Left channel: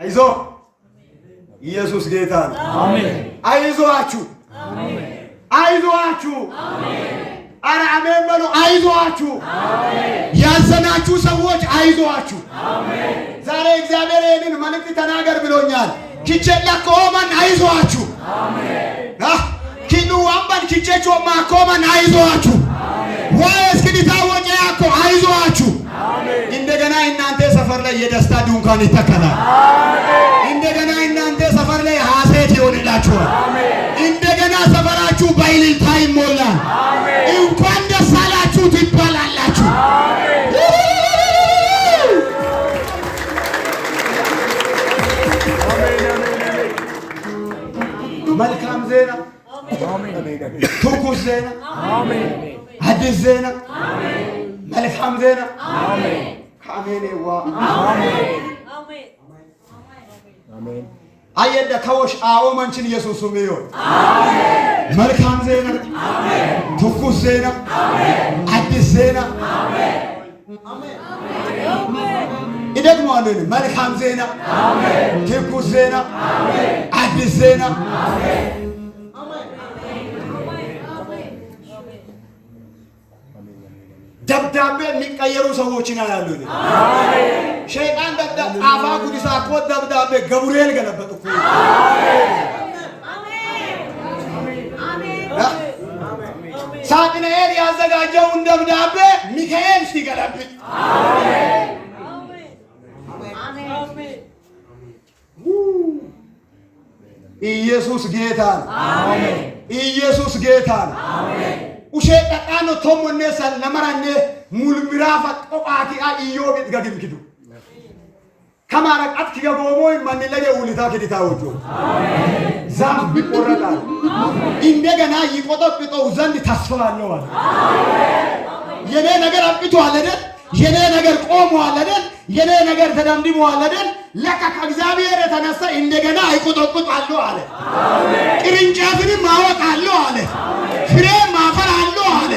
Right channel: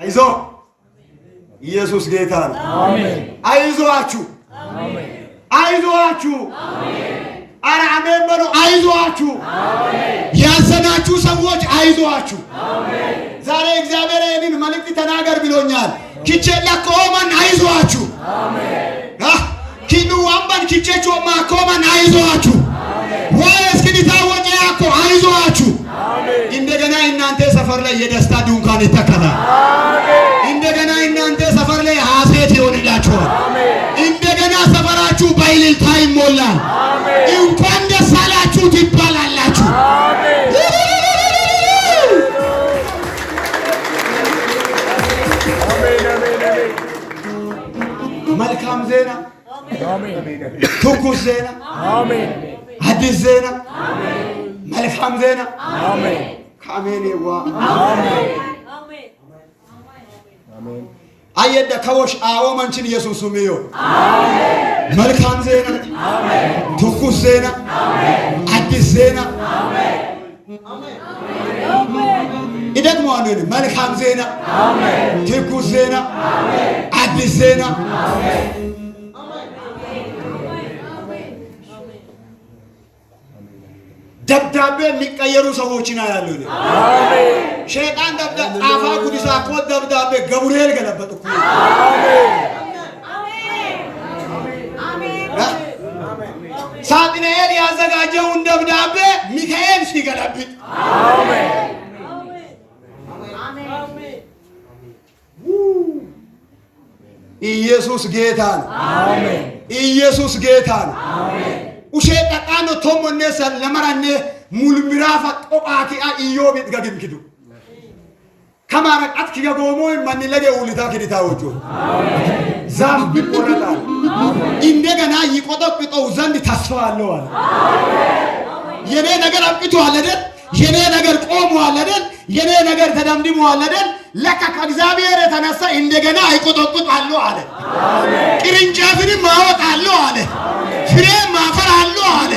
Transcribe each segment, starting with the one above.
አይዞ ኢየሱስ ጌታ ነው። አሜን። አይዞአችሁ፣ አሜን። አይዞአችሁ፣ አሜን። ኧረ አሜን በሉ። አይዞአችሁ፣ አሜን። ያዘናችሁ ሰዎች አይዞአችሁ፣ አሜን። ዛሬ እግዚአብሔር ይህንን መልእክት ተናገር ብሎኛል። ኪቼላ ኮማን አይዞአችሁ፣ አሜን። ኪኑ አምባን ኪቼቾ ማኮማን አይዞአችሁ፣ አሜን። ወይስ ኪዲታ ወጪ ያኮ አይዞአችሁ፣ አሜን። እንደገና እናንተ ሰፈር ላይ የደስታ ድንኳን ይተከላል። አሜን። እንደገና እናንተ ሰፈር ላይ ሐሴት ይሆንላችኋል። አሜን። እንደገና ሰፈራችሁ በእልልታ ይሞላል። አሜን። እንኳን ደስ አላችሁ ትባላላችሁ። አሜን። መልካም ዜና፣ ትኩስ ዜና፣ አዲስ ዜና፣ መልካም ዜና ከአሜኔዋ አየደ ከወሽ አዎ መንችን ኢየሱስ ሚዮ መልካም ዜና፣ ትኩስ ዜና፣ አዲስ ዜና ይደግመዋል። መልካም ዜና፣ ትኩስ ዜና፣ አዲስ ዜና ደብዳቤ የሚቀየሩ ሰዎችን አያሉ። ሸይጣን ጻፋ ጉዲሳ እኮ ደብዳቤ ገብርኤል ገለበጥ እኮ። ሳጥናኤል ያዘጋጀውን ደብዳቤ ሚካኤል ሲገለብጥ ኢየሱስ ጌታ ነው። ኢየሱስ ጌታ ነው። ushee dhaqaano tommonne lamaranne mulmiraafa qoqaati a iyyoobi gagimkidu kamaara qatki gagoomoo manni lage ulitaa kiditaa wajjo zaaf biqorrata እንደገና ይቆጠብጠው ዘንድ ተስፋ አለው አለ። የኔ ነገር አብቅቷል አይደል? የኔ ነገር ቆሟል አይደል? የኔ ነገር ተደምድሟል አይደል? ለካ ከእግዚአብሔር የተነሳ እንደገና ይቆጠብጣሉ አለ። ቅርንጫፍንም ማወጣሉ አለ። ፍሬ ማፈራሉ አለ።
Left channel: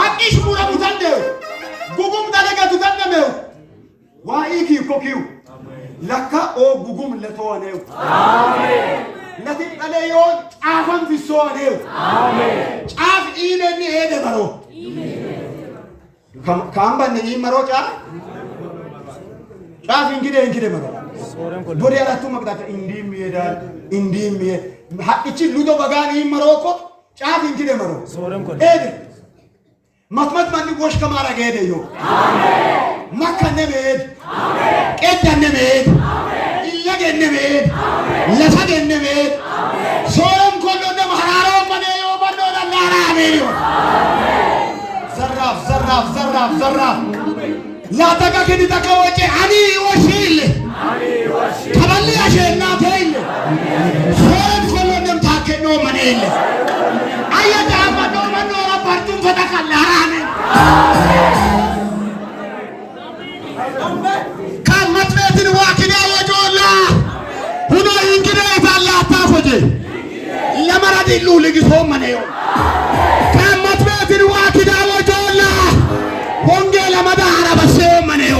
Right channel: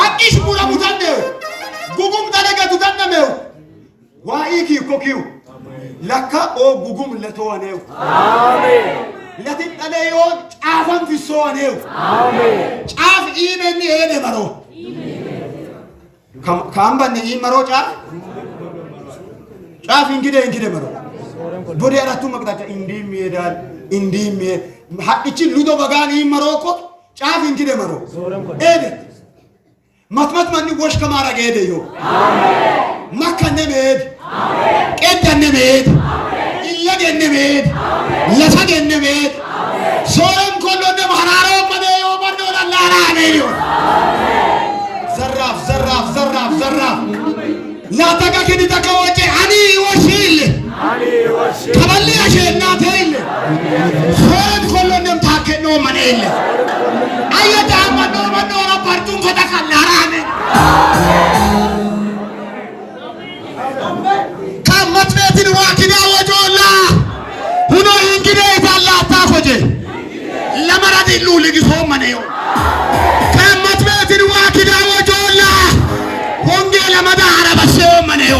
ሀቂሽ ሙራ ሙታነ ጉጉም ተለገቱ ተነመው ዋኢኪ ኮኪው ለካ ኦ ጉጉም ለተዋኔው አሜን። ለትጠለዮን ጫፋን ፍሶዋኔው አሜን። ጫፍ ኢሜኒ ሄደ በሮ ካምባን ኢመሮ ጫፍ እንግዲህ በሮ ቦዲ አራቱ መቅጣጫ እንዲም ይሄዳል እንዲም ሀቂች ሉዶ በጋን ኢመሮ እኮ ጫፍ እንግዲህ በሮ ሄደ መትመት ማን ጎሽ ከማረገ ሄደዮ አሜን። መከነ መሄድ ቀደነ መሄድ ይለገነ መሄድ ለሰገነ መሄድ ሶረም ኮሎነ ማራራ ማነዮ ማነው ለላራ አሜን። ዘራፍ ዘራፍ ዘራፍ ዘራፍ ላተቀከዲ ተከወጨ አኒ ወሽል ከበል ያሸና ተይል ሶረም ኮሎነ ታከኖ ማነይል አየታ ማነው ማነው ረፓርቱን ከተከላራ አሜን። ከመትቤትን ዋኪዳ ወጆላ ሁኖ እንግዲህ ይታላ አታፎጀ ለመረዲሉ ልግሶ መነዮ ከመትቤትን ዋኪዳ ወጆላ ወንጌል መዳራ በሰው መነዮ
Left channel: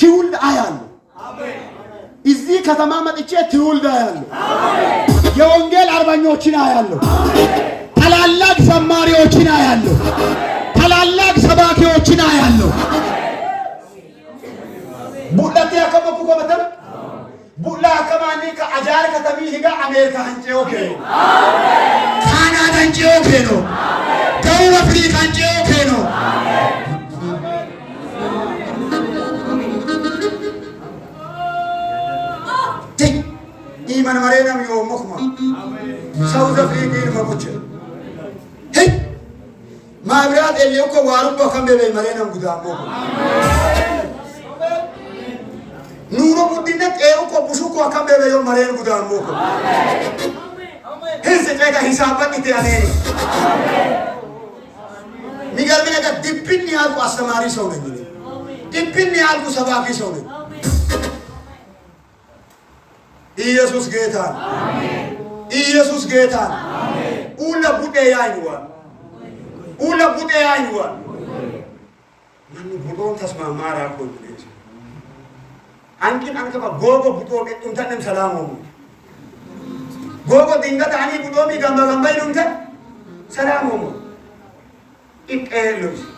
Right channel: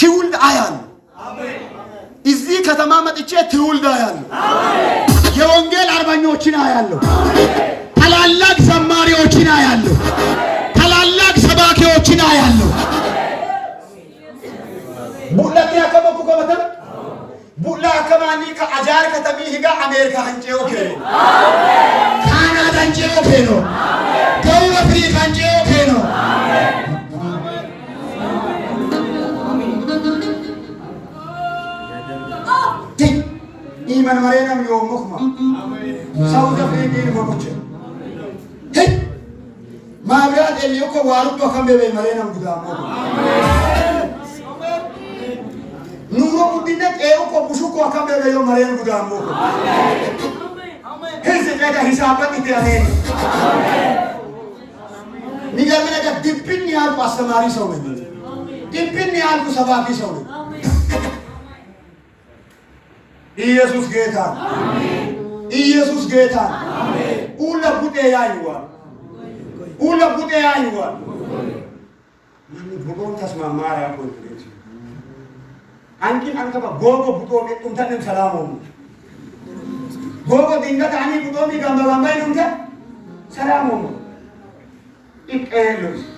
ትውልድ አያሉ እዚህ ከተማ መጥቼ ትውልድ አያሉ የወንጌል አርበኞችን አያሉ ታላላቅ ዘማሪዎችን አያለሁ። ታላላቅ ሰባኪዎችን አያለሁ። ቡላቴ ያከመኩ ከመተም ቡላ ከማኒ ከአጃር ከተሚ ሂጋ አሜሪካ አንጨው ከ ካናዳ አንጨው ከ ነው ደቡብ አፍሪካ አንጨው ከ ነው ኢማን ማሬናም yoomokma ሳውዝ አፍሪካ ይልፈቆች ማብራት ኤሊዮኮ ዋሩባ ከመበ ማሬናም ጉዳሞ ኑሮ ጉዲነት ኤውኮ ቡሹኮ ከመበ ዮ ማሬን ጉዳሞ ሄዘ ጃጋ ሂሳባን ይያኔ ሚገርም ነገር ዲፕን ያልኩ አስተማሪ ሰው ነኝ። ዲፕን ያልኩ ሰባኪ ሰው ነኝ። ኢየሱስ ጌታ አሜን። ኢየሱስ ጌታ አሜን። ኡለ ቡዴ ያይዋ ula buɗe ayuwa manni buɗon tasma mara ko ankin an kaba gogo buɗo ɓe ɗum tan en salamu gogo dingata ani buɗo mi gamba gamba ɗum tan salamu ik elos